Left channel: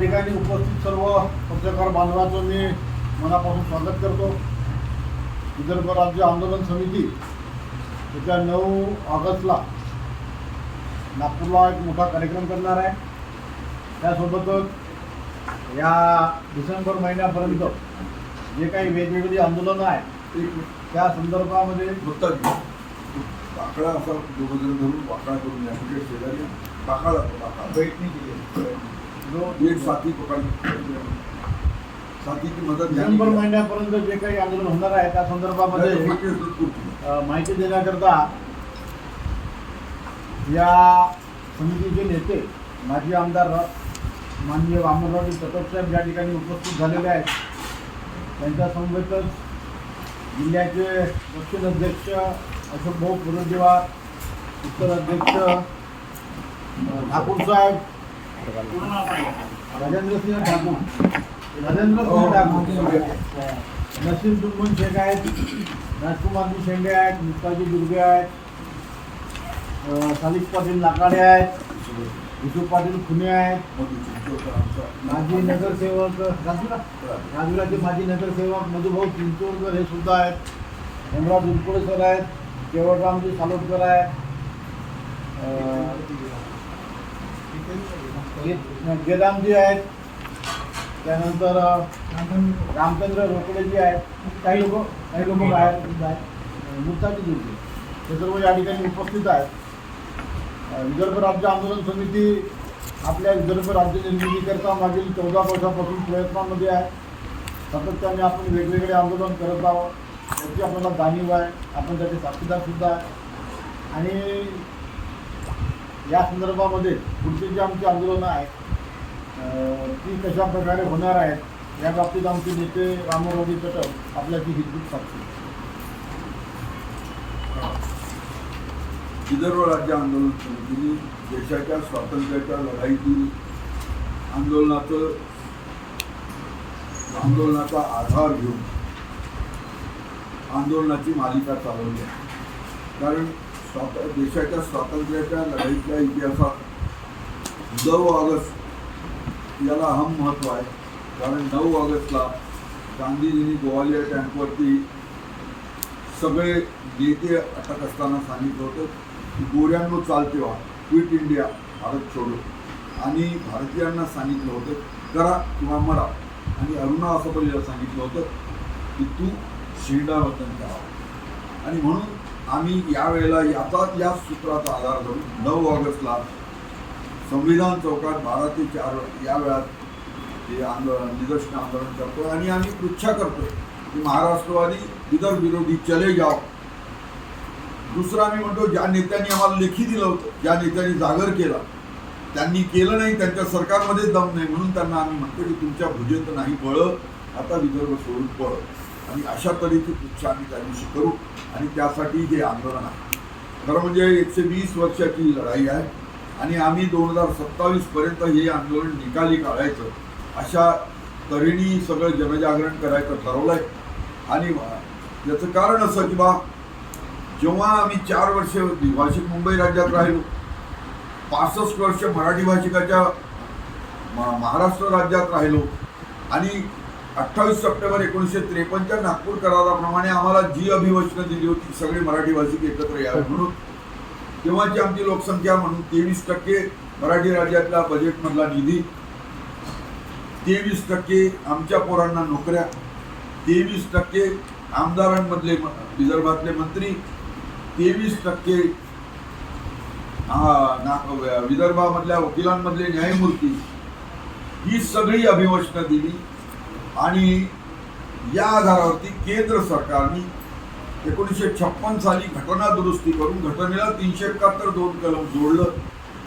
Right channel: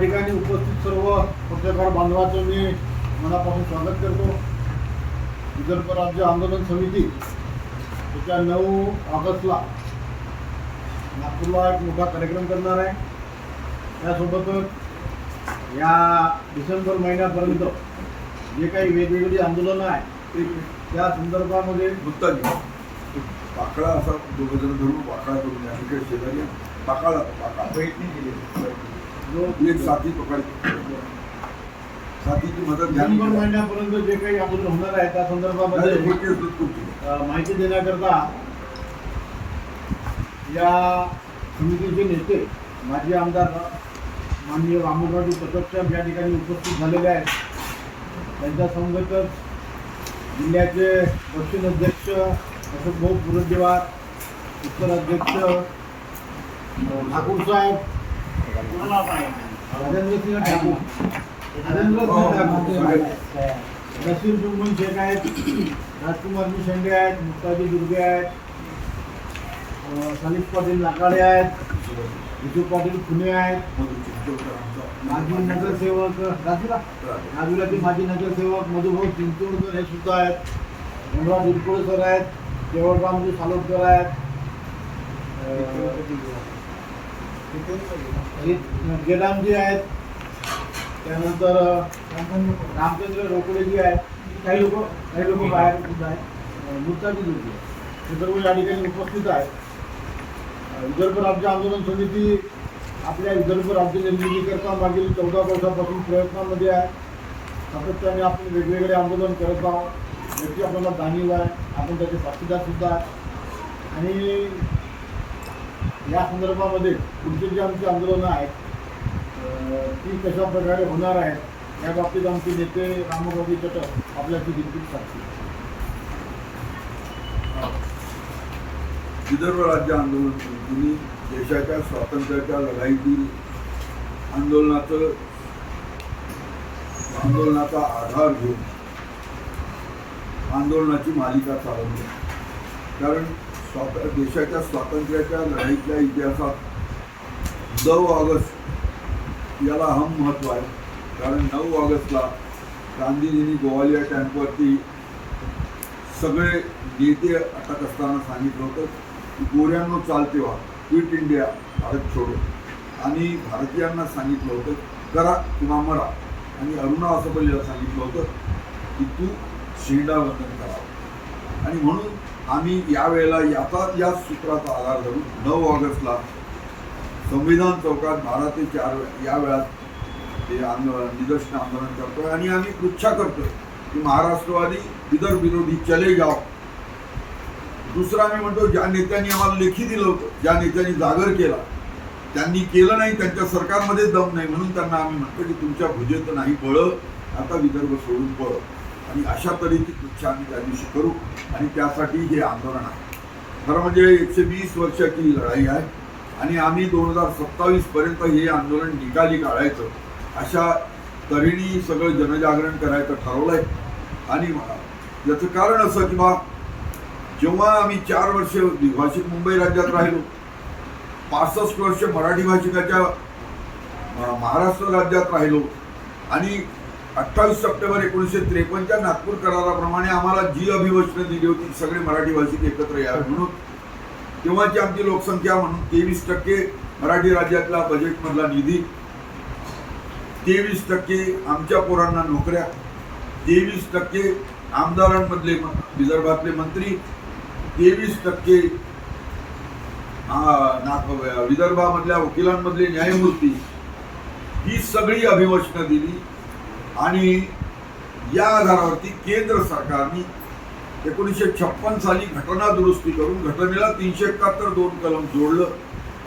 ठिकाणी उपस्थित सर्व पत्रकार बांधवाचं मी मनापासून स्वागत करतो. विदर्भ राज्य आंदोलन समिती येत्या नऊ ऑगस्टला नागपूरला एक मोठा कार्यक्रम करणार आहे. त्यासोबतच या डिसेंबर महिन्यापर्यंत जे काही वेगवेगळी आंदोलनं आहेत त्या संदर्भामध्ये मुक्ताजी पाकडा असा दोघं जण धरून वाकडा करून या तिकडे शेजारी पाकाळा पाकाळा जो एक साथी पकड साथीची मदत घ्या डिसेंबर महिन्यापर्यंत जे काही आंदोलन होणार आहे त्या संदर्भामध्ये अ, माहिती देण्याकरता या समितीचे नेते माजी आमदार माननीय वामनरावजी पटक साहेब या ठिकाणी उपस्थित झालेले आहेत. त्यांच्या समवेतच जिल्ह्याचे दक्षिण अध्यक्ष अशोक भाऊ पुरंदेवार उत्तर अध्यक्ष अ, ठाकूर साहेब राजेंद्रसिंह ठाकूर. राजेंद्रसिंह ठाकूर. नसीर जुम्मन शेख आहेत. राजकुमारजी शेंडे आहेत. मुक्ताजी दुर्गे आहेत. सालिक पाटील लाकाडे आहेत. विशू पाटील खुने आहेत. माजी नगरसेवक राजूला? राजूलाचे माजी नगरसेवक मधुभाऊ चिंचोडकर हे सुद्धा आहेत. हेमराज उरकुळे सर आहेत. केवळरामजी सालोदकर आहेत. गेदामजी आहेत. त्यानंतर रामचंद्र रोकडेजी आहेत. काही लोक काही लोक बाहेर आहेत. मुक्ताजी दुर्गे हे सर्व या ठिकाणी उपस्थित आहेत. विदर्भ राज्य आंदोलन समिती आपल्या विदर्भ राज्य निर्मितीकरता मागील चौदा वर्षापासून प्रयत्नामध्ये आहे. सातत्याने आपण वेगवेगळे आंदोलन करत आहोत. याची आपल्याला जाणीव आहे. आपण त्याचे साक्षीदार सुद्धा आहे. आणि या संदर्भामध्ये पुढची जी आमची आंदोलनं आहेत ती कशा प्रकारे होणार आहेत या बाबतीत आमचे नेते रामरावजी कटक आपल्याची हितगुज साक्षी विदर्भ राज्य आंदोलन समितीने देशाच्या स्वातंत्र्याच्या लढाईतील आंदोलनाचं आंदोलनाचा आधार घेऊन आंदोलनाची मालिका चालवली आहे. कारण स्वात देशाच्या स्वातंत्र्याच्या लढाईतल्या इतिहासात नऊ ऑगस्ट याला अहम महत्त्व आहे. कारण नऊ ऑगस्टला गांधीजींनी गोवालिया टँकवरती सगळे नेते अटक असताना सांगितलं होतं की गोऱ्यांनो चालते व्हा क्विट इंडिया भारत छोडो. आणि भारतीयांना सांगितलं होतं करा किंवा मरा. आणि अरुणा असं असफलीला सांगितलं होतं की तू शेंडावतन करावं आणि म्हणून आम्ही यावेळेला याचा याच सूत्राचा आधार धरून नऊ ऑगस्टला संविधान चौकात बारा ते चार या वेळात ते आंदोलन निदर्शन आंदोलन करतोय आणि आम्ही पृच्छा करतोय की महाराष्ट्रवादी विदर्भ विरोधी चले जाओ. दुसरं आम्ही म्हणतो ज्या नेत्यांनी आम्हाला लेखी दिलं होतं ज्या नेत्यांनी जागर केला त्यांनी केलं नाही त्यांच्या सरकारमध्येच दम नाही म्हणून त्यांना आम्ही म्हणतो की तुमच्या भुजेत नाही बळ आता विदर्भ सोडून पळ आणि अशा तऱ्हेची पृच्छा आम्ही त्या दिवशी करू आणि त्यासाठी हे आंदोलन आहे. खरं म्हणजे एकशे वीस वर्षाची लढाई आहे आणि आम्ही दोन हजार सत्तावीसपर्यंत हे आंदोलन निकाली काढायचं अशा तऱ्हेने सगळं जनजागरण करायचं ठरवलं आहे आणि याचं कारण असं की बा जेव्हा आम्ही चार वर्ष द्विभाषिक मुंबई राज्यात राहिलो पासष्ट वर्ष मराठी भाषिकाच्या महाराष्ट्र राज्यात राहिलो आणि अठ्ठावीस सप्टेंबर एकोणीसशे त्रेपन्नच्या नागपूर कराराप्रमाणे आम्हाला जी अभिवचनं दिली होती सगळे मराठी भाषिक एकत्र यावे म्हणून. तेव्हाची आमची लोकसंख्या म्हणून तेवीस टक्के मराठी राज्यातला बजेटमधला निधी तेवीस टक्के आमच्या पोरांना नोकऱ्या तेवीस टक्के आमदारांमधले विदर्भातले मंत्री तेवीस टक्के विदर्भामधल्या वकिलांमधले न्यायमूर्ती ही सगळी अभिवचनं दिली. आणि या आधारावरती केंद्र सरकारने एकोणीसशे छप्पन साली घटना दुरुस्ती करून घटनेला तीनशे एकाहत्तर दोन कलम जोडलं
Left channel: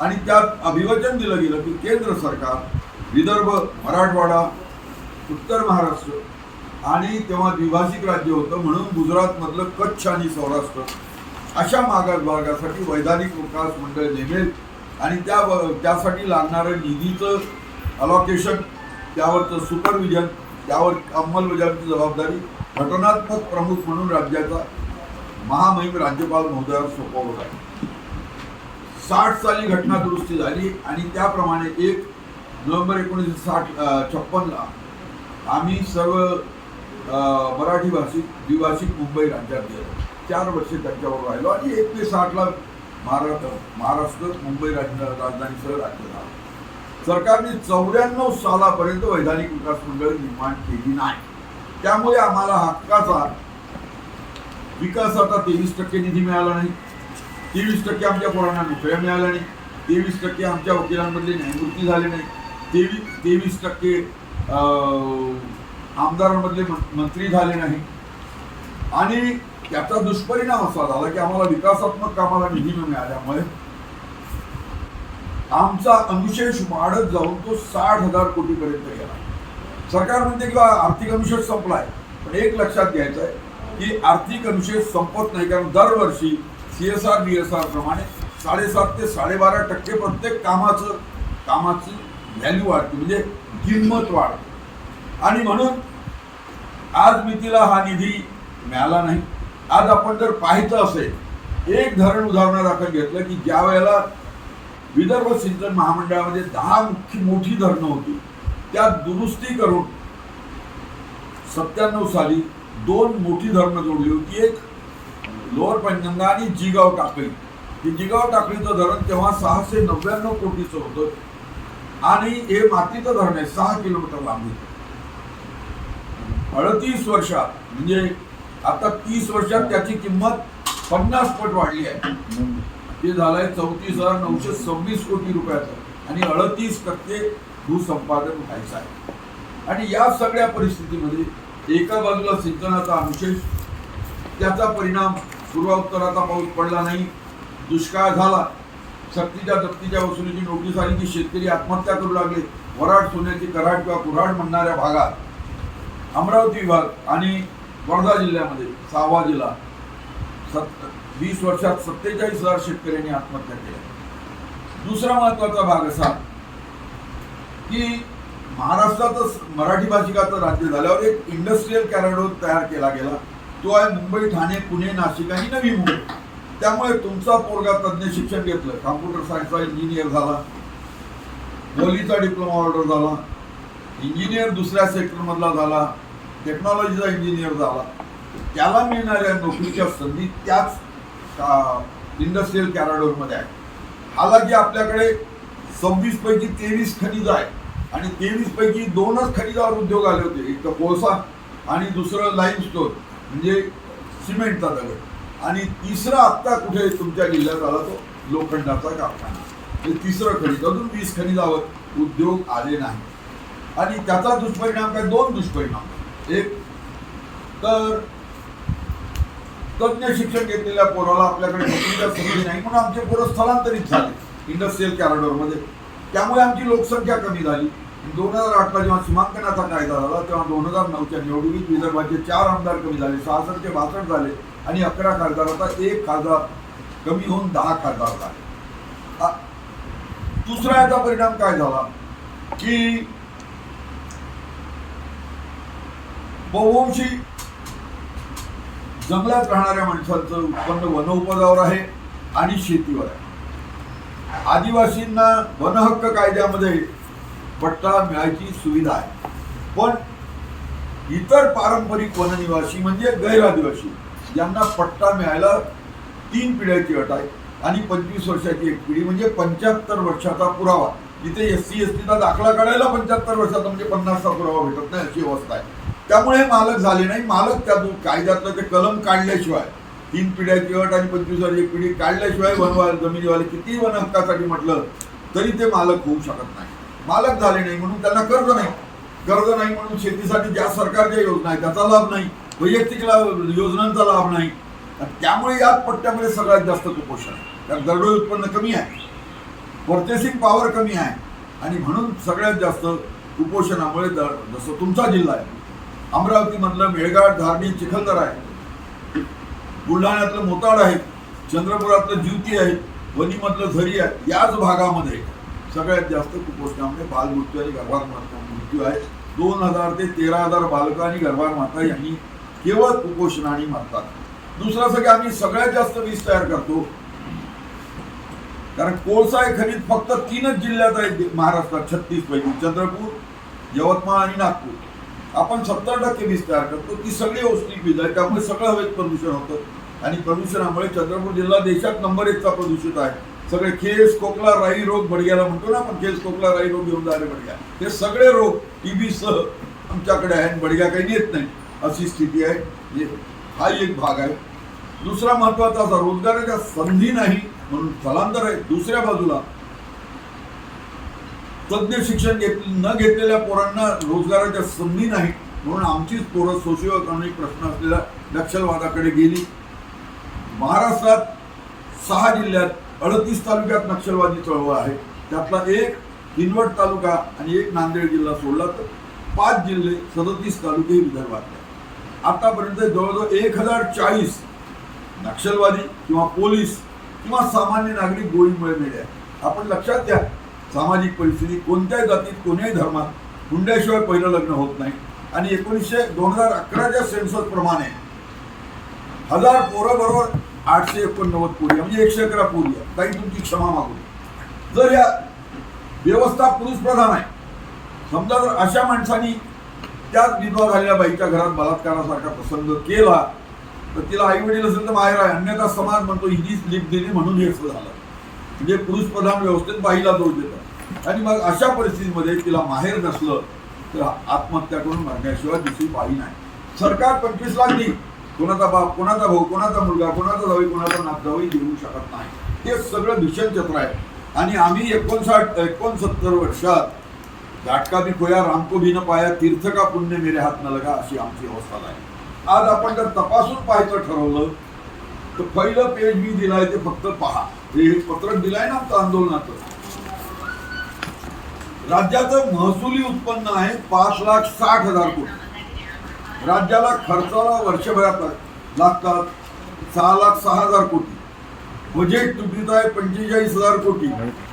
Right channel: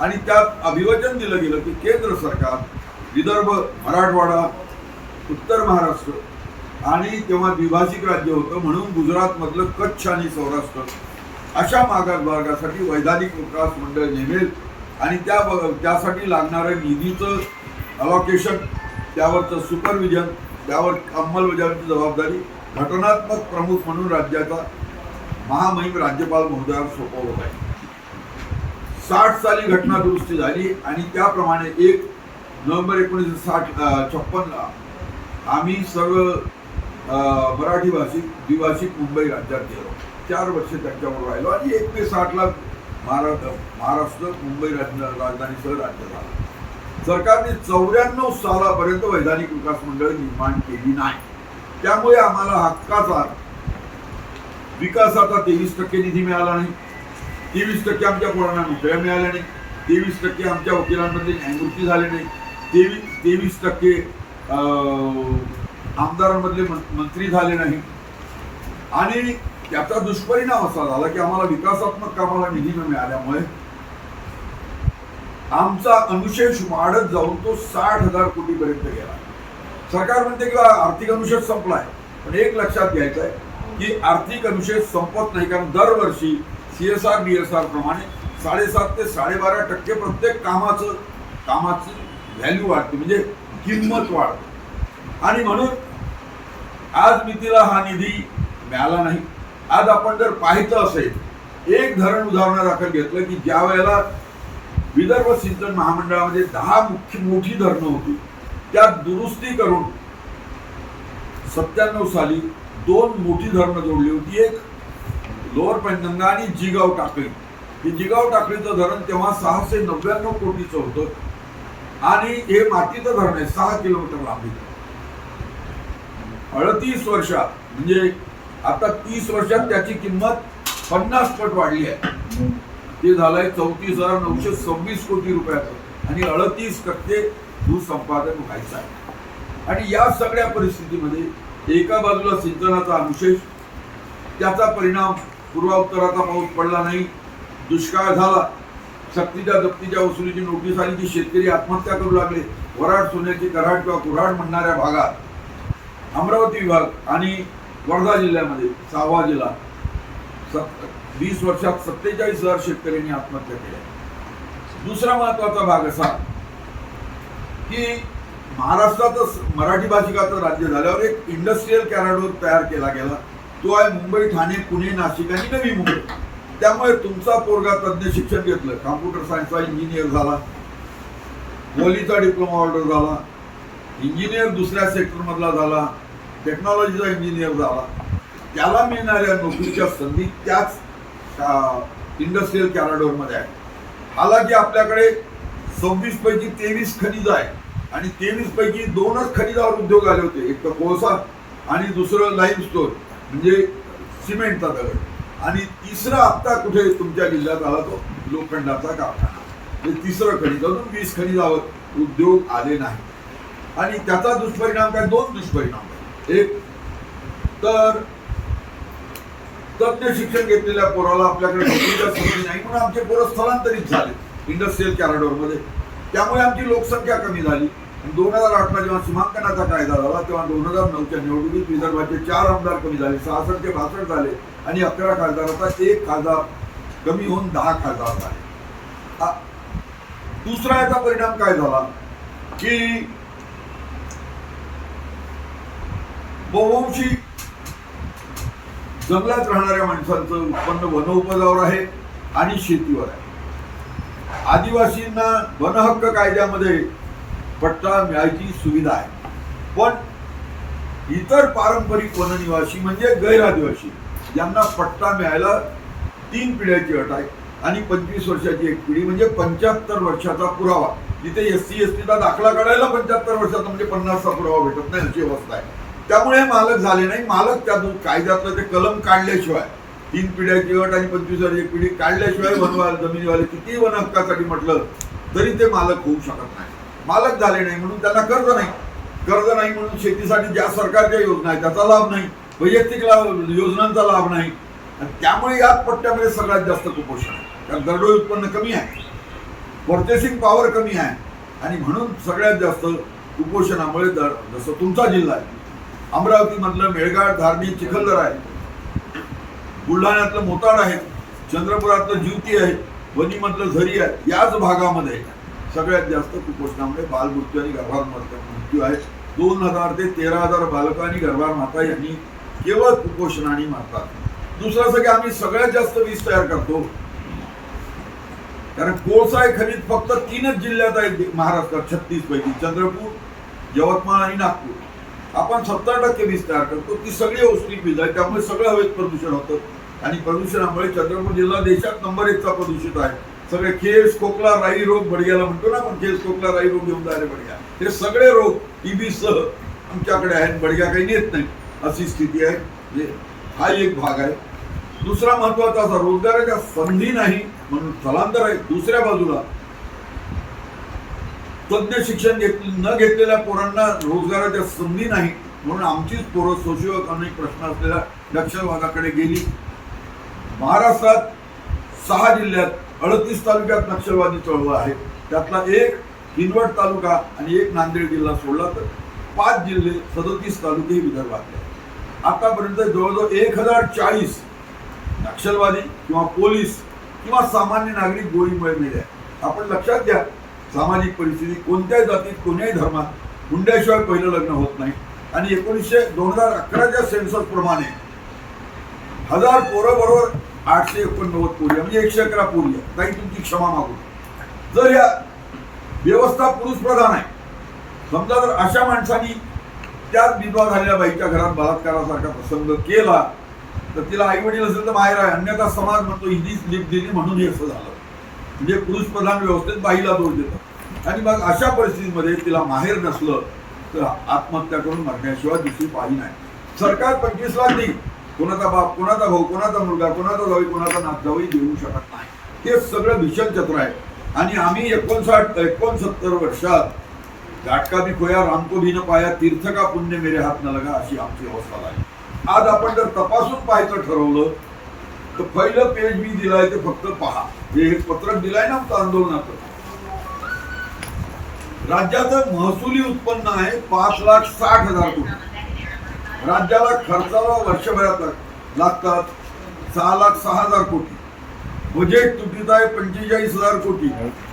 आणि त्यात अभिवचन दिलं गेलं की केंद्र सरकार विदर्भ मराठवाडा उत्तर महाराष्ट्र आणि तेव्हा द्विभाषिक राज्य होतं म्हणून गुजरातमधलं कच्छ आणि सौराष्ट्र अशा मागास वैधानिक विकास मंडळ नेमेल आणि त्या त्यासाठी लागणारं निधीचं अलॉकेशन त्यावरचं सुपरविजन त्यावर अंमलबजावणीची जबाबदारी घटनात्मक प्रमुख म्हणून राज्याचा महामहिम राज्यपाल महोदयावर सोपवत आहे. साठ साली घटना दुरुस्ती झाली आणि त्याप्रमाणे एक नोव्हेंबर एकोणीसशे साठ छप्पनला आम्ही सर्व मराठी भाषिक द्विभाषिक मुंबई राज्यात गेलो. चार वर्ष त्यांच्यावर राहिलो आणि एक ते साठला महाराष्ट्र महाराष्ट्र मुंबई राज्य राजधानीसह राज्य झालं. सरकारने चौऱ्याण्णव सालापर्यंत वैधानिक विकास मंडळ निर्माण केली नाही. त्यामुळे आम्हाला हक्काचा विकासाचा तेवीस टक्के निधी मिळाला नाही. तेवीस टक्के आमच्या पोरांना नोकऱ्या मिळाल्या नाही. तेवीस टक्के आमच्या वकिलांमधले न्यायमूर्ती झाले नाही. तेवीस तेवीस टक्के आमदारांमधले मं- मंत्री झाले नाही. आणि त्याचा दुष्परिणाम असा झाला की आम्हाला विकासात्मक कामाला निधी न मिळाल्यामुळे आमचा अनुशेष वाढत जाऊन तो साठ हजार कोटीपर्यंत गेला. सरकार म्हणते की आर्थिक अनुशेष संपलाय. पण एक लक्षात घ्यायचं आहे की आर्थिक अनुशेष संपत नाही कारण दरवर्षी C S R D S R प्रमाणे साडेसात ते साडेबारा टक्के प्रत्येक कामाचं कामाची व्हॅल्यू वाढते म्हणजे किंमत वाढते. आणि म्हणून आज मितीला हा निधी मिळाला नाही. आज आपण जर पाहिलं असेल एक धरण उदाहरणादाखल घेतलं की ज्या वेळेला विदर्भ सिंचन महामंडळामध्ये दहा मुख्य मोठी धरणं होती. त्यात दुरुस्ती करून सत्त्याण्णव साली दोन मोठी धरणं जोडली होती. एक लोअर पैनगंगा आणि जिगाव टाकळी. हे जिगाव टाकळीचं धरण तेव्हा सहाशे नव्याण्णव कोटीचं होतं. आणि हे मातीचं धरण आहे सहा किलोमीटर लांबीचं अडतीस वर्षात म्हणजे आता तीस वर्षात त्याची किंमत पन्नास पट वाढली आहे. ते झालंय चौतीस हजार नऊशे सव्वीस कोटी रुपयाचं. आणि अडतीस टक्के भूसंपादन व्हायचं आहे. आणि या सगळ्या परिस्थितीमध्ये एका बाजूला सिंचनाचा अनुशेष त्याचा परिणाम पूर्वात्तराचा पाऊस पडला नाही दुष्काळ झाला सक्तीच्या जप्तीच्या वसुलीची नोटीस आली की शेतकरी आत्महत्या करू लागले वराड सोन्याची कराड किंवा कुऱ्हाड म्हणणाऱ्या भागात अमरावती विभाग आणि वर्धा जिल्ह्यामध्ये सहावा जिल्हा सत वीस वर्षात सत्तेचाळीस हजार शेतकऱ्यांनी आत्महत्या केल्या दुसरा महत्त्वाचा भाग असा की महाराष्ट्रातच मराठी भाषिकाचं राज्य झाल्यावर एक इंडस्ट्रीयल कॅरॅडोर तयार केला गेला. तो आहे मुंबई ठाणे पुणे नाशिक आणि नवी मुंबई. त्यामुळे तुमचा पोरगा तज्ज्ञ शिक्षण घेतलं. कॉम्प्युटर सायन्सचा इंजिनियर झाला. पोलीचा डिप्लोमा ऑर्डर झाला. इंजिनियर दुसऱ्या सेक्टरमधला झाला. टेक्नॉलॉजीचा इंजिनियर झाला. त्याला मिळणाऱ्या नोकरीच्या संधी त्याच इंडस्ट्रीयल कॅराडोरमध्ये आहे हालांकी आपल्याकडे सव्वीस पैकी तेवीस खनिज आहे आणि तेवीस पैकी दोनच खनिजावर उद्योग आले होते. एक तर कोळसा आणि दुसरं लाईमस्टोन म्हणजे सिमेंटचा दगड. आणि तिसरा आत्ता कुठे तुमच्या जिल्ह्यात आला तो? लोखंडाचा कारखाना. हे तिसरं खनिज. अजून वीस खनिजावर उद्योग आले नाही. आणि त्याचा दुष्परिणाम काय? दोन दुष्परिणाम एक तर तज्ञ शिक्षण घेतलेल्या पोराला आपल्याकडे नोकरीच्या संधी नाही म्हणून आमचे पोरं स्थलांतरित झाले इंडस्ट्रीयल कॅरिडॉरमध्ये त्यामुळे आमची लोकसंख्या कमी झाली. आणि दोन हजार आठला जेव्हा सीमांकनाचा कायदा झाला तेव्हा दोन हजार नऊच्या निवडणुकीत विदर्भाचे चार आमदार कमी झाले. सहासष्ट ते बासष्ट झाले. आणि अकरा खासदाराचा एक खासदार कमी होऊन दहा खासदार झाले. दुसरा याचा परिणाम काय झाला? की बहुवंशी जंगलात राहणाऱ्या माणसांचं उत्पन्न वनउपजावर आहे आणि शेतीवर आहे. आदिवासींना वनहक्क कायद्यामध्ये पट्टा मिळायची सुविधा आहे. पण इतर पारंपरिक वननिवासी म्हणजे गैरआदिवासी यांना पट्टा मिळायला तीन पिढ्याची अट आहे आणि पंचवीस वर्षाची एक पिढी म्हणजे पंच्याहत्तर वर्षाचा पुरावा. जिथे एस सी एस टीचा दाखला काढायला पंच्याहत्तर वर्षाचा म्हणजे पन्नासचा पुरावा भेटत नाही अशी अवस्था आहे. त्यामुळे मालक झाले नाही. मालक त्यातून कायद्यातलं ते कलम काढल्याशिवाय तीन पिढ्याची अट आणि पंचवीस वर्षाची एक पिढी काढल्याशिवाय वनवाले जमिनीवाले कितीही वन हक्कासाठी म्हटलं तरी ते मालक होऊ शकत नाही. मालक झाले नाही म्हणून त्यांना कर्ज नाही. कर्ज नाही म्हणून शेतीसाठी ज्या सरकारच्या योजना आहेत त्याचा लाभ नाही. वैयक्तिक लाभ योजनांचा लाभ नाही. आणि त्यामुळे याच पट्ट्यामध्ये सगळ्यात जास्त कुपोषण आहे. कारण दरडोई उत्पन्न कमी आहे. पर्चेसिंग पॉवर कमी आहे. आणि म्हणून सगळ्यात जास्त कुपोषणामुळे दर जसं तुमचा जिल्हा आहे अमरावतीमधलं मेळघाट धारणी चिखलदरा आहे. बुलढाण्यातलं मोताड आहे. चंद्रपुरातलं ज्युती आहे. वनीमधलं झरी आहे. याच भागामध्ये सगळ्यात जास्त कुपोषणामुळे बालमृत्यू आणि गर्भार मृत्यू आहे. दोन हजार ते तेरा हजार बालकं आणि गर्भार माता यांनी केवळ कुपोषणाने मारतात. दुसरं असं की आम्ही सगळ्यात जास्त वीज तयार करतो. कारण कोळसा आहे खनिज फक्त तीनच जिल्ह्यात आहे महाराष्ट्रात छत्तीस पैकी चंद्रपूर यवतमाळ आणि नागपूर. आपण सत्तर टक्के वीज तयार करतो ती सगळी औष्णिक वीज आहे त्यामुळे सगळं हवेत प्रदूषण होतं. आणि प्रदूषणामुळे चंद्रपूर जिल्हा देशात नंबर एकचा प्रदूषित आहे. सगळे खेस खोकला राई रोग बडग्याला म्हणतो ना आपण खेस खोकला राई रोग घेऊन जाणारे बडग्या. हे सगळे रोग टीबी सह आमच्याकडे आहेत बडग्या काही नेत नाही अशी स्थिती आहे. म्हणजे हा एक भाग आहे. दुसरा महत्त्वाचा असा रोजगाराच्या संधी नाही म्हणून स्थलांतर आहे. दुसऱ्या बाजूला तज्ञ शिक्षण घेत न घेतलेल्या पोरांना रोजगाराच्या संधी नाही. म्हणून आमचीच पोरं सोशिओ इकॉनॉमिक प्रश्न असलेल्या नक्षलवादाकडे गेली. महाराष्ट्रात सहा जिल्ह्यात अडतीस तालुक्यात नक्षलवादी चळवळ आहे. त्यातला एक हिंदवड तालुका आणि एक नांदेड जिल्हा सोडला तर पाच जिल्हे सदतीस तालुके विदर्भातले आतापर्यंत जवळजवळ एक हजार चाळीस नक्षलवादी किंवा पोलीस किंवा सामान्य नागरिक गोळीमुळे मेले आपण लक्षात घ्या सामाजिक परिस्थिती कोणत्याही जातीत कोणत्याही धर्मात हुंड्याशिवाय पहिलं लग्न होत नाही. आणि एकोणीसशे दोन हजार अकराच्या सेन्सस प्रमाणे हजार पोरं बरोबर आठशे एकोणनव्वद पोरी म्हणजे एकशे अकरा पोरी आहे ताई तुमची क्षमा मागू. जर या व्यवस्था पुरुष प्रधान आहे समजा जर अशा माणसानी त्याच विधवा झालेल्या बाईच्या घरात बलात्कारासारखा प्रसंग केला तर तिला आई वडील असेल तर माहेर आहे. अन्यथा समाज म्हणतो हिंदी लिप दिली म्हणून हे असं झालं. म्हणजे पुरुष प्रधान व्यवस्थेत बाईला दोष देतात. आणि मग अशा परिस्थितीमध्ये तिला माहेर नसलं तर आत्महत्या करून मरण्याशिवाय दुसरी पाळी नाही. सरकार पंचवीस लाख देईल. कोणाचा बाप कोणाचा भाऊ कोणाचा मुलगा कोणाचा जावी कोणाचा नात जावी देऊ शकत नाही. ते सगळं भीषण चत्र आहे. आणि आम्ही एकोणसाठ एकोणसत्तर वर्षात घाटका भी खोया रामको भी न पाया तीर्थ का पुण्य मेरे हात न लगा अशी आमची अवस्था झाली. आज आपण जर तपासून पाहायचं ठरवलं तर पहिलं पेज मी दिलाय ते फक्त पहा. हे पत्रक दिलाय ना आमचं आंदोलनाचं. राज्याचं महसुली उत्पन्न आहे पाच लाख साठ हजार कोटी. राज्याला खर्चाला वर्षभरात लागतात सहा लाख सहा हजार कोटी. बजेट तुटीचा आहे पंचेचाळीस हजार कोटी.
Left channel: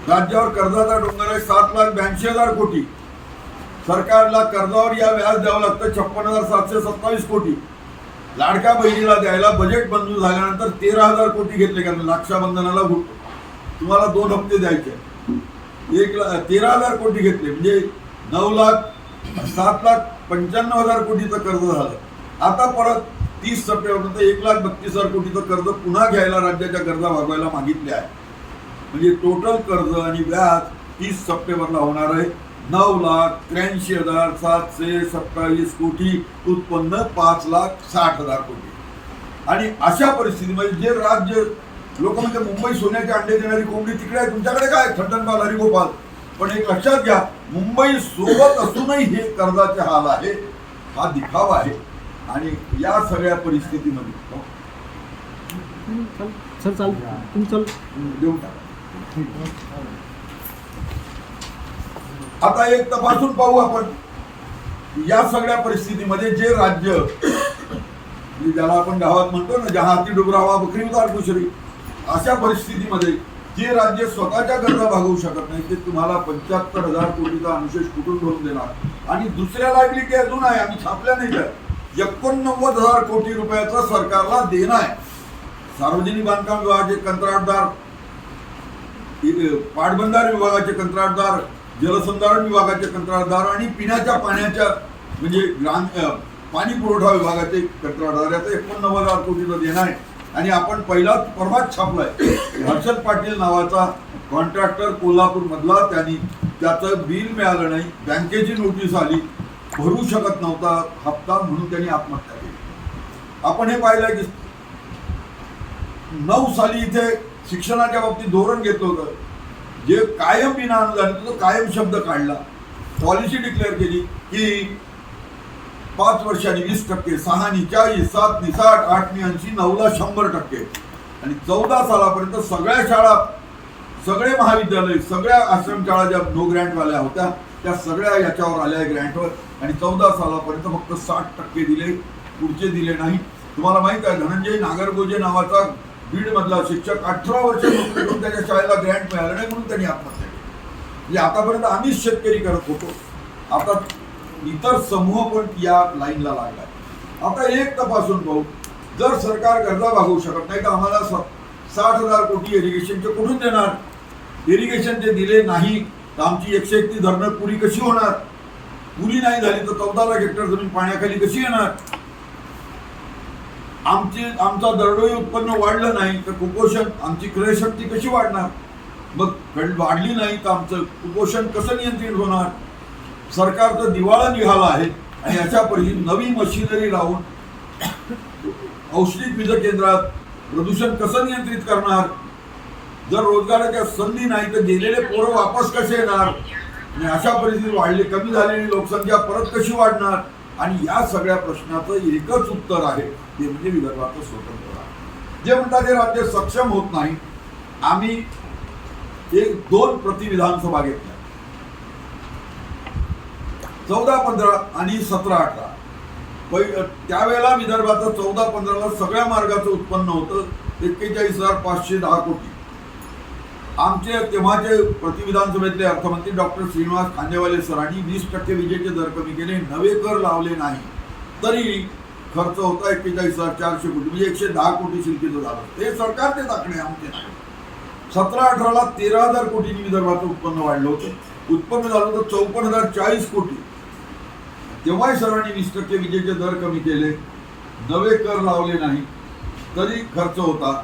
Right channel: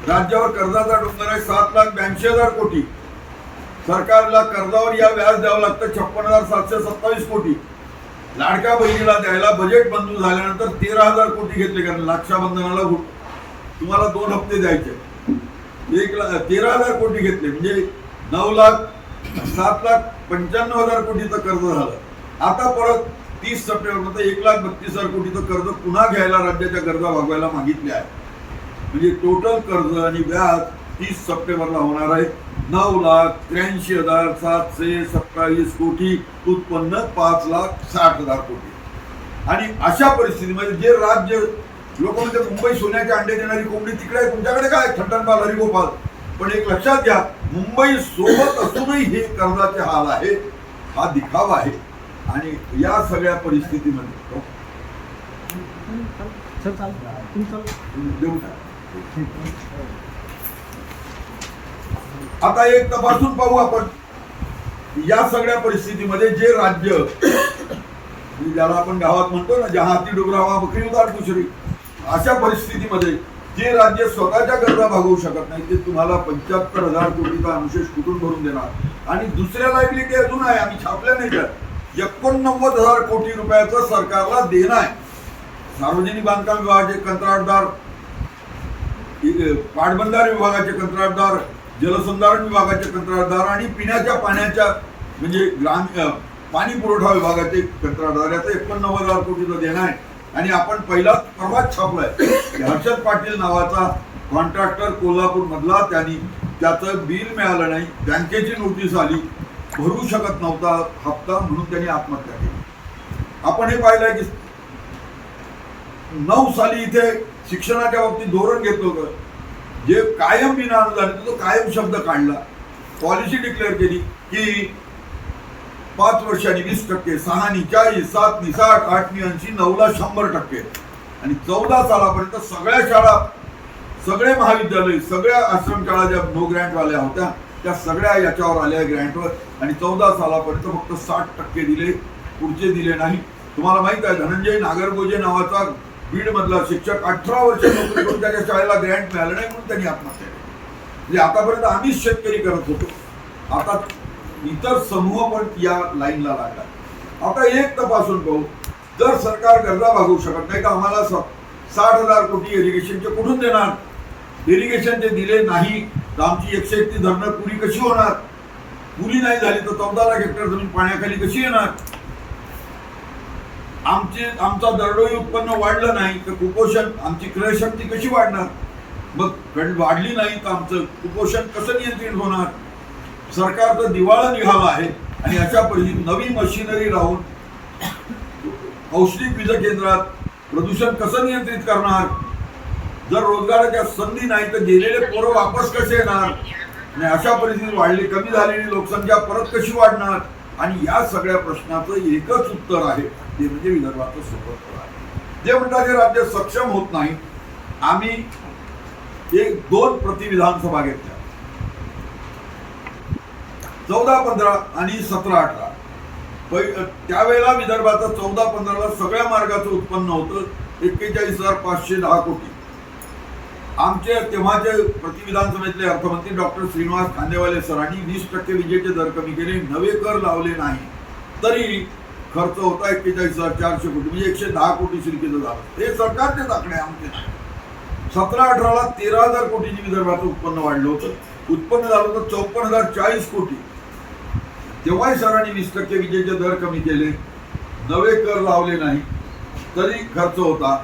राज्यावर कर्जाचा डोंगर आहे सात लाख ब्याऐंशी हजार कोटी. सरकारला कर्जावर या व्याज द्यावं लागतं छप्पन हजार सातशे सत्तावीस कोटी. लाडक्या बहिणीला द्यायला बजेट मंजूर झाल्यानंतर तेरा हजार कोटी घेतले कारण रक्षाबंधनाला तुम्हाला दोन हप्ते द्यायचे एक ला तेरा हजार कोटी घेतले म्हणजे नऊ लाख सात लाख पंच्याण्णव हजार कोटीचं कर्ज झालं. आता परत तीस सप्टेंबरपर्यंत एक लाख बत्तीस हजार कोटीचं कर्ज पुन्हा घ्यायला राज्याच्या गरजा भागवायला मागितले आहे म्हणजे टोटल कर्ज आणि व्याज तीस सप्टेंबरला होणार आहे. नऊ लाख त्र्याऐंशी हजार सातशे सत्तावीस कोटी उत्पन्न पाच लाख साठ हजार कोटी. आणि अशा परिस्थितीमध्ये जे राज्य लोक म्हणजे मुंबई सोन्याचे अंडे देणारी कोंबडी तिकडे आहे तुमच्याकडे काय थट्टनपाल हरिगोपाल. पण एक लक्षात घ्या मुंबई सोबत असूनही हे कर्जाचे हाल आहे हा दिखावा आहे. आणि या सगळ्या परिस्थितीमध्ये हो, देऊन टाका. आता एक तपासून पाहू आपण. या सगळ्या परिस्थितीमध्ये जे राज्य ज्याला आपण गावात म्हणतो ना जहा हाती डुबरावा बकरी उतार दुसरी अशा परिस्थितीमध्ये जे राज्य स्वतःच्या गरजा भागवू शकत नाही ते तुम्हाला पंच्याहत्तर हजार कोटीचा अनुशेष कुठून भरून देणार? आणि दुसऱ्या लायबिलिटी अजून आहे आम्ही छापल्या नाही तर एकोणनव्वद हजार कोटी रुपयाचा सरकारला देणं आहे. सार्वजनिक बांधकाम विभागाचे कंत्राटदार पाटबंधारे विभागाचे कंत्राटदार जलसंधारण विभागाचे कंत्राटदार आणि पिण्याच्या पाण्याच्या म्हणजे ग्राम पाणी पुरवठा विभागाचे कंत्राटदार. याचं एकोणनव्वद हजार कोटीचं देणं आहे. आणि आपण पहिलाच परवाच छापलाय. हर्षद पाटील नावाचा कॉन्ट्रॅक्टर कोल्हापूर मधला त्यांनी त्याचं बिल मिळालं नाही. बँकेची नोटीस आली. भरू शकत नव्हता हप्ता म्हणून त्यांनी आत्महत्या केली. आपण हे पाहिलंय की नऊ साली इथे शिक्षणाच्या बाबतीत धोरण घेतलं होतं. जे कायम विना अनुदान तो कायम शब्द काढला. पॉलिसी डिक्लेअर केली की पाच वर्षांनी वीस टक्के सहानी चाळीस सातनी साठ आठनी ऐंशी नऊला शंभर टक्के. आणि चौदा सालापर्यंत सगळ्या शाळा सगळे महाविद्यालय सगळ्या आश्रमशाळा ज्या नो ग्रँटवाल्या होत्या त्या सगळ्या याच्यावर आल्या ग्रँटवर आणि चौदा सालापर्यंत फक्त साठ टक्के दिले पुढचे दिले नाही. तुम्हाला माहीत आहे धनंजय नागरगोजे नावाचा बीड मधला शिक्षक अठरा वर्ष नोकरी करून त्याच्या शाळेला ग्रँट मिळालं नाही म्हणून त्यांनी आत्महत्या केली. म्हणजे आतापर्यंत आम्हीच शेतकरी करत होतो. आता इतर समूह पण या लाईनला लागला. आता एक तपासून पाहू. जर सरकार गरजा भागवू शकत नाही तर आम्हाला स- साठ हजार कोटी इरिगेशनचे कुठून देणार? इरिगेशन ते दिले नाही तर आमची एकशे एकती धरणं पुरी कशी होणार? पुरी नाही झाली तर चौदा लाख हेक्टर जमीन पाण्याखाली कशी येणार? आमचे आमचा दरडोई उत्पन्न वाढलं नाही तर कुपोषण आमची क्रयशक्ती कशी वाढणार? मग कड- वाढली नाही तर आमचं कुपोषण कसं नियंत्रित होणार? सरकारचं दिवाळं निघालं आहे आणि अशा परिस्थितीत नवी मशिनरी लावून औष्णिक वीज केंद्रात प्रदूषण कसं नियंत्रित करणार? जर रोजगाराच्या संधी नाही तर गेलेले पोरं वापस कसे येणार? आणि अशा परिस्थितीत वाढली कमी झालेली लोकसंख्या परत कशी वाढणार? आणि या सगळ्या प्रश्नाचं एकच उत्तर आहे. ते म्हणजे विदर्भाचं स्वतंत्र राज्य. जे म्हणतात हे राज्य सक्षम होत नाही आम्ही एक दोन प्रति विधानसभा घेतल्या. चौदा पंधरा आणि सतरा अठरा. पै त्यावेळेला विदर्भाचं चौदा पंधराला सगळ्या मार्गाचं उत्पन्न होतं एक्केचाळीस हजार पाचशे दहा कोटी. आमचे तेव्हाचे प्रतिविधानसभेतले अर्थमंत्री डॉक्टर श्रीनिवास कांदेवाले सरांनी वीस टक्के विजेचे दर कमी केले नवे कर लावले नाही. तरी खर्च होता एक्केचाळीस हजार चारशे कोटी म्हणजे एकशे दहा कोटी शिल्केचं झालं. हे सरकारचे दाखणे आहे, आमचे नाही. सतरा अठराला तेरा हजार कोटीची विदर्भाचं उत्पन्न वाढलं होतं. उत्पन्न झालं होतं चौपन्न हजार चाळीस कोटी. तेव्हाही सरांनी वीस टक्के विजेचे दर कमी केले. नवे कर लावले नाही. तरी खर्च होता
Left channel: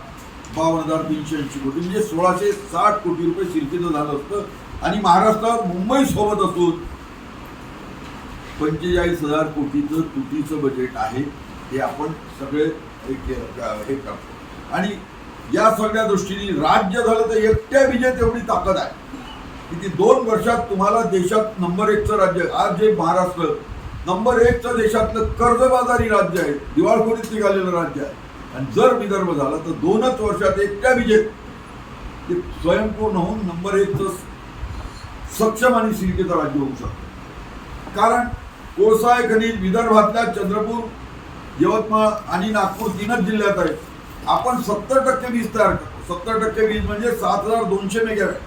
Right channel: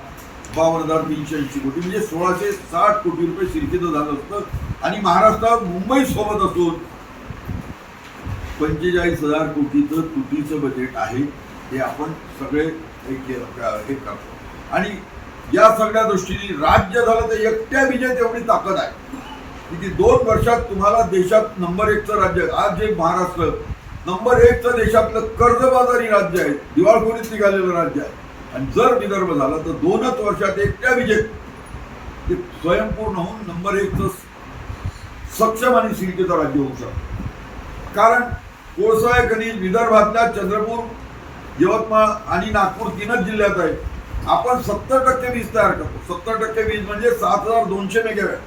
बावन्न हजार तीनशे ऐंशी कोटी. म्हणजे सोळाशे साठ कोटी रुपये शिर्केचं झालं असतं. आणि महाराष्ट्रात मुंबई सोबत असून पंचेचाळीस हजार कोटीचं तुटीचं बजेट आहे हे आपण सगळे हे हे करतो. आणि या सगळ्या दृष्टीने राज्य झालं तर एकट्या विजेत एवढी ताकद आहे. की ती दोन वर्षात तुम्हाला देशात नंबर एकचं राज्य आज जे महाराष्ट्र नंबर एकचं देशातलं कर्जबाजारी राज्य आहे दिवाळखोरीत निघालेलं राज्य आहे. आणि जर विदर्भ झाला तर दोनच वर्षात एकट्या विजेत ते स्वयंपूर्ण होऊन नंबर एकचं सक्षम आणि सिल्केचं राज्य होऊ शकतं. कारण कोळसा खनिज विदर्भातल्या चंद्रपूर यवतमाळ आणि नागपूर तीनच जिल्ह्यात आहे आपण सत्तर टक्के वीज तयार करतो. सत्तर टक्के वीज म्हणजे सात हजार दोनशे मेगावॅट.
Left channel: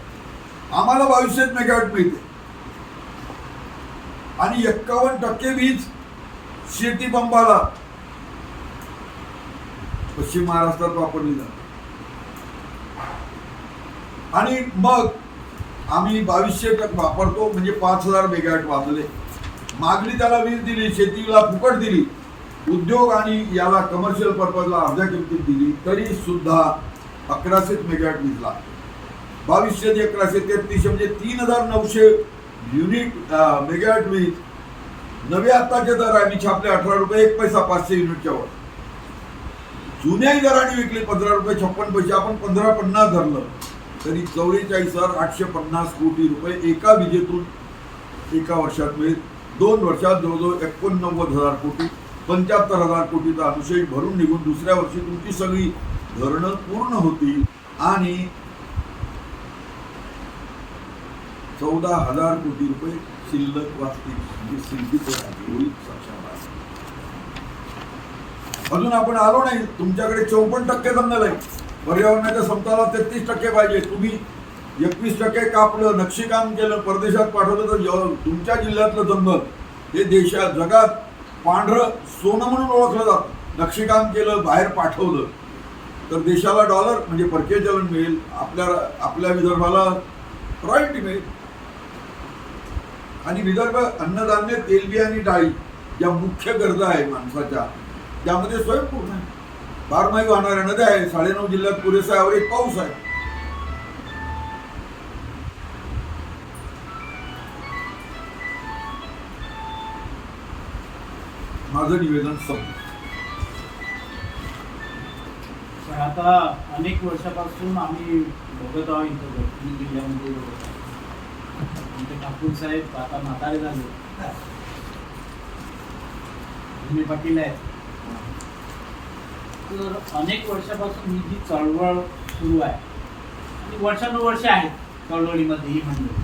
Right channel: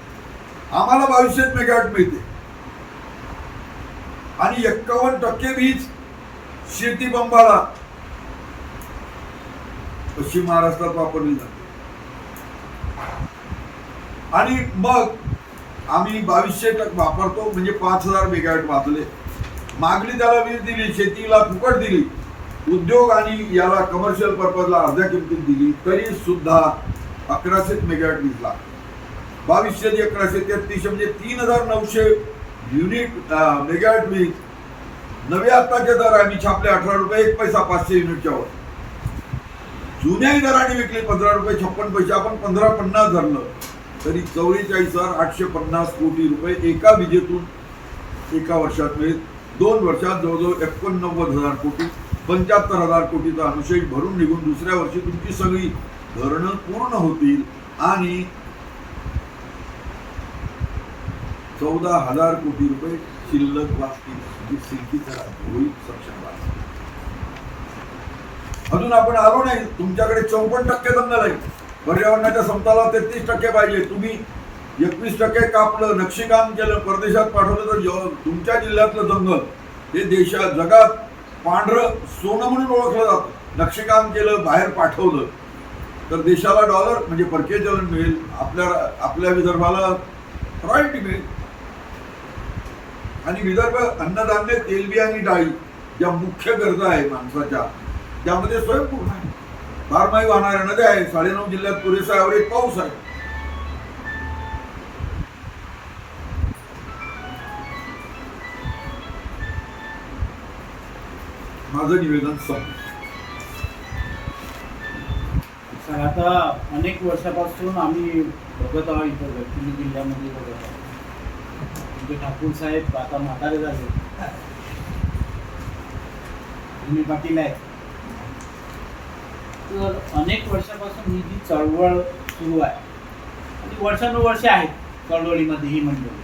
आम्हाला बावीसशे मेगावॅट मिळते. आणि एक्कावन्न टक्के वीज शेती पंपाला पश्चिम महाराष्ट्रात वापरली जाते. आणि मग आम्ही बावीसशे टक्के वापरतो म्हणजे पाच हजार मेगावॅट वाचले मागणी त्याला वीज दिली शेतीला फुकट दिली. उद्योग आणि याला कमर्शियल पर्पजला अर्ध्या किमतीत दिली तरी सुद्धा अकराशेच मेगावॅट वीज लागते बावीसशे ते अकराशे तेहतीसशे म्हणजे तीन हजार नऊशे युनिट मेगावॅट वीज. नवे आत्ताचे दर आहे मी छापले अठरा रुपये एक पैसा पाचशे युनिटच्या वर. जुन्याही दराने विकली पंधरा रुपये छप्पन पैसे आपण पंधरा पन्नास धरलं तरी चौवेचाळीस हजार आठशे पन्नास कोटी रुपये एका विजेतून एका वर्षात मिळेल. दोन वर्षात जवळजवळ एकोणनव्वद हजार कोटी पंच्याहत्तर हजार कोटीचा अनुशेष भरून निघून दुसऱ्या वर्षी तुमची सगळी धरणं पूर्ण होतील आणि चौदा हजार कोटी रुपये शिल्लक वाचतील म्हणजे सिद्धीचं राज्य होईल सक्षम अजून आपण आलो नाही. तुमच्याकडे चौपन्न टक्के जंगल आहे. पर्यावरणाच्या समताला तेहतीस टक्के पाहिजे. तुम्ही एकवीस टक्के कापलं नक्षीकाम केलं परदेशात पाठवलं तर ज- तुमच्या जिल्ह्यातलं जंगल हे देशात जगात पांढरं सोनं म्हणून ओळखलं जातं. नक्षीकाम केलं बाहेर पाठवलं तर देशाला डॉलर म्हणजे परकीय चलन मिळेल. आपल्या आपल्या विदर्भाला रॉयल्टी मिळेल. आणि विदर्भ अन्नधान्य तेलबी आणि डाळी ज्या मुख्य गरजा आहे माणसाच्या त्यामध्ये स्वयंपूर्ण आहे. बारमाही वाहणाऱ्या नद्या आहे साडेनऊ जिल्ह्यात पुरेसा ॲव्हरेज पाऊस आहे. माझं निवेदन संपलं. आता अनेक वर्षापासून आम्ही बघत आहोत इथं गडचिरोली जिल्ह्यामध्ये बघत आहोत म्हणजे ठाकूर साहेब आता म्हातारे झाले. भूमी पाटील आहेत. तर अनेक वर्षापासून ही जी चळवळ सुरू आहे ती वर्षानुवर्ष आहे चळवळीमध्ये ही मंडळी.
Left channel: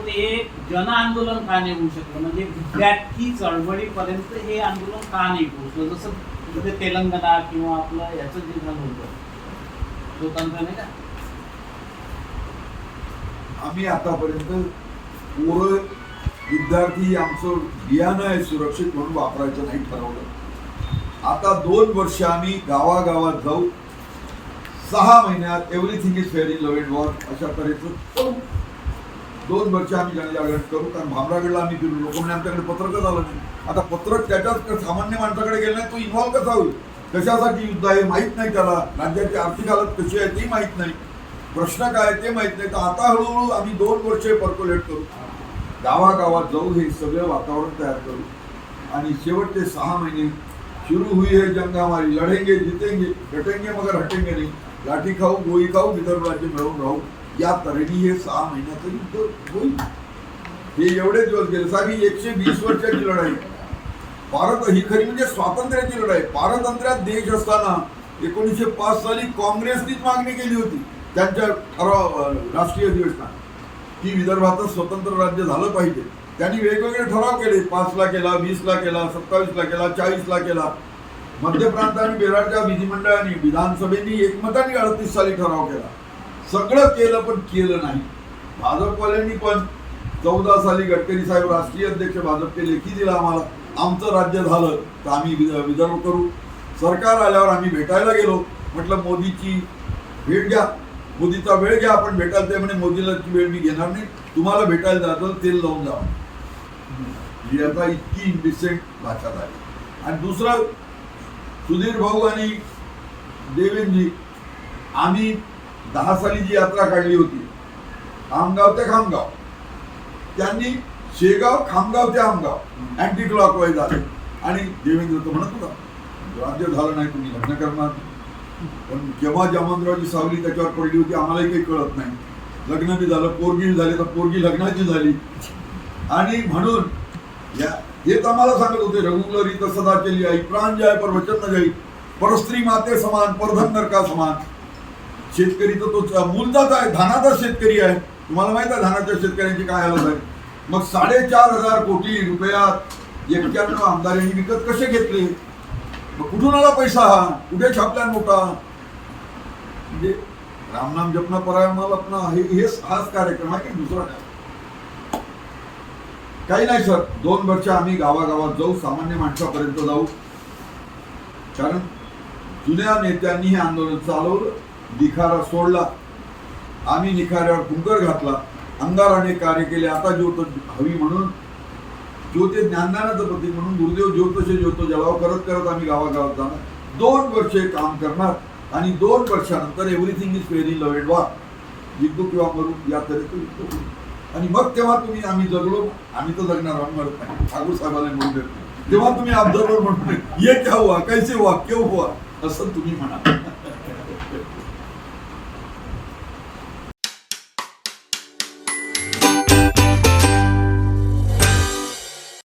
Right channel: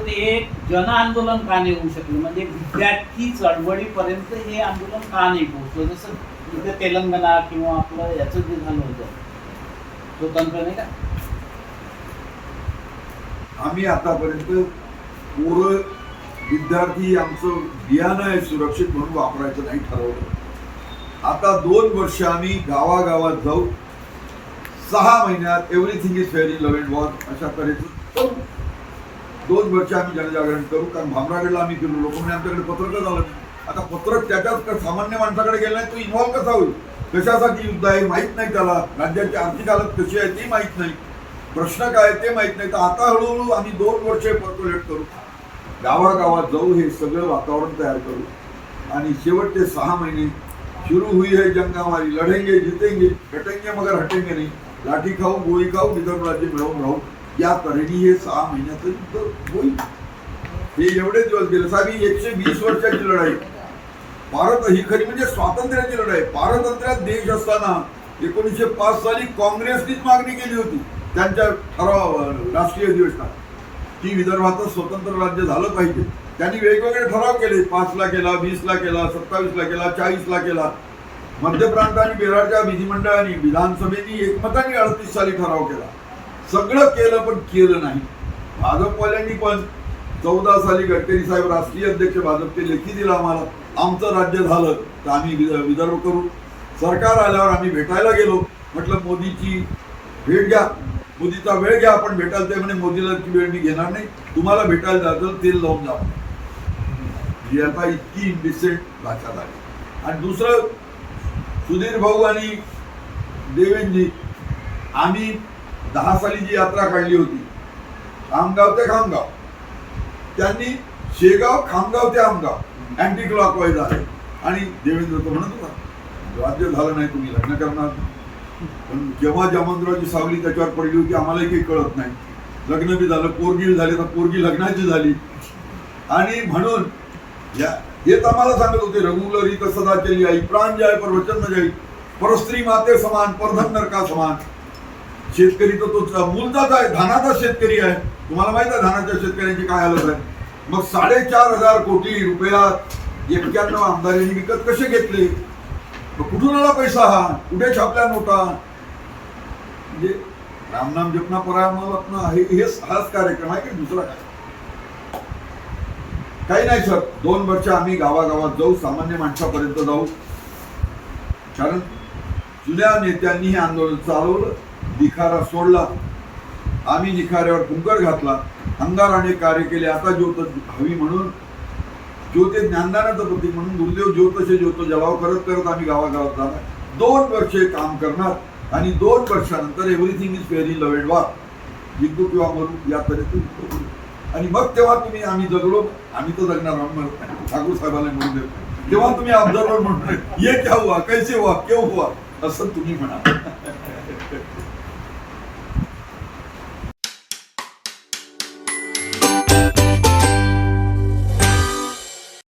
तर हे जन आंदोलन का नाही होऊ शकलं? म्हणजे विद्यार्थी चळवळीपर्यंत हे आंदोलन का नाही पोहोचलं जसं म्हणजे तेलंगणा किंवा आपलं याचं जे झालं होतं. स्वतंत्र नाही का? आम्ही आतापर्यंत पोरं विद्यार्थी आमचं बियाणं आहे सुरक्षित म्हणून वापरायचं नाही ठरवलं. आता दोन वर्ष आम्ही गावागावात जाऊ. सहा महिन्यात everything is fair in love and war अशा तऱ्हेचं दोन वर्ष आम्ही जनजागरण करू कारण भामरागडला आम्ही गेलो लोक म्हणजे आमच्याकडे पत्रकच आलं नाही. आता पत्रक त्याच्याच सामान्य माणसाकडे गेलं नाही तो इन्व्हॉल्व कसा होईल? कशासाठी युद्ध आहे माहीत नाही त्याला. राज्याची आर्थिक हालत कशी आहे ते माहीत नाही. प्रश्न काय ते माहीत नाही. तर आता हळूहळू आम्ही दोन वर्षे पर्क्युलेट करू. गावागावात जाऊ हे सगळं वातावरण तयार करू. आणि शेवटचे सहा महिने सुरू हुई है जंगा हमारी. लढेंगे जितेंगे हटेंगे मगर हटेंगे नाही. लाठी खाऊ गोळी खाऊ विदर्भ राज्य मिळवून राहू. या तऱ्हेने हे सहा महिन्याचं युद्ध होईल. हे एवढे दिवस गेले. साहेब एकशे वीस वर्षाची लढाई. भारत ही खरी म्हणजे स्वातंत्र्याची लढाई. पारतंत्र्यात देश असताना एकोणीसशे पाच साली काँग्रेसनीच मागणी केली होती. त्यांच्या ठराव राष्ट्रीय अधिवेशनात. की विदर्भाचं स्वतंत्र राज्य झालं पाहिजे. त्यांनी वेगवेगळे ठराव केले. पाचला केला वीसला केला सत्तावीसला केला चाळीसला केला. मध्य प्रांत आणि बिहारच्या विधिमंडळाने विधानसभेने एकमताने अडतीस साली ठराव केला. सगळं केलं पण केलं नाही. भाजपवाल्यांनी पण चौदा साली गडकरी साहेब राष्ट्रीय अध्यक्ष भाजपचे लेखी दिला आम्हाला. आमचं राज्य झालं तर आम्ही विदर्भ करू. सरकार आल्यावर आम्ही भेटायला गेलो. म्हटलं मोदीची भेट घ्या. मोदीचा वेळ घ्या आपण भेटायला ते म्हणे मोदीला वेळ मी घेणार नाही. तुम्हाला भेटायला जायचं तेल लावून जा. ही आता इतकी इंडिसेंट भाषा झाली. आणि दुसरं सुधीर भाऊ आणि देवेंजी आम्ही दहा साली जी यात्रा काढली होती खामगाव ते खामगाव. त्यांनी शेगाव खामगाव ते आमगाव अँटी क्लॉकवाईज आहे. आणि देवेंद्र तो म्हणत होता राज्य झालं नाही तुम्ही लग्न करणार पण जेव्हा जमनरावची सावली त्याच्यावर पडली होती आम्हालाही काही कळत नाही. लग्न बी झालं पोरगी झाली तर पोरगी लग्नाची झाली. आणि म्हणून या हेच आम्हाला सांगत होते रघुलरी तर सदा केली आई प्राण जाय पर वचन न जाई परस्त्री माते समान परधन नरका समान. शेतकरी तर तो मूलचाच आहे धानाचा शेतकरी आहे. तुम्हाला माहीत आहे धानाच्या शेतकऱ्यांची काय हालत आहे? मग साडेचार हजार कोटी रुपयात एक्क्याण्णव आमदारांनी विकत कसे घेतले? मग कुठून आला पैसा हा? कुठे छापल्या नोटा? म्हणजे रामनाम जपना परायण लपना हे हेच हाच कार्यक्रम आहे की दुसरा काय? काही नाही सर. दोन वर्ष आम्ही गावागावात जाऊ सामान्य माणसापर्यंत जाऊ. कारण जुन्या नेत्यांनी हे आंदोलन चालवलं निखारा सोडला आम्ही निखाऱ्यावर कुंकर घातला अंगाराने कार्य केले आता ज्योत हवी म्हणून ज्योते ज्ञानदानाचं प्रतीक म्हणून गुरुदेव ज्योतशे ज्योत जलाव करत करत आम्ही गावागावात जाणार. दोन वर्षे काम करणार आणि दोन वर्षानंतर everything is very love and war जिंकू किंवा मरू या तऱ्हेचं युद्ध होईल. आणि मग तेव्हा तुम्ही आम्ही जगलो आम्ही तर जगणार आम्ही मरत नाही. ठाकूर साहेबाला म्हणून देत नाही. तेव्हा तुम्ही ऑब्झर्वर म्हणून ये क्या हुआ? कैसे हुआ? क्यों हुआ? असं तुम्ही म्हणाल.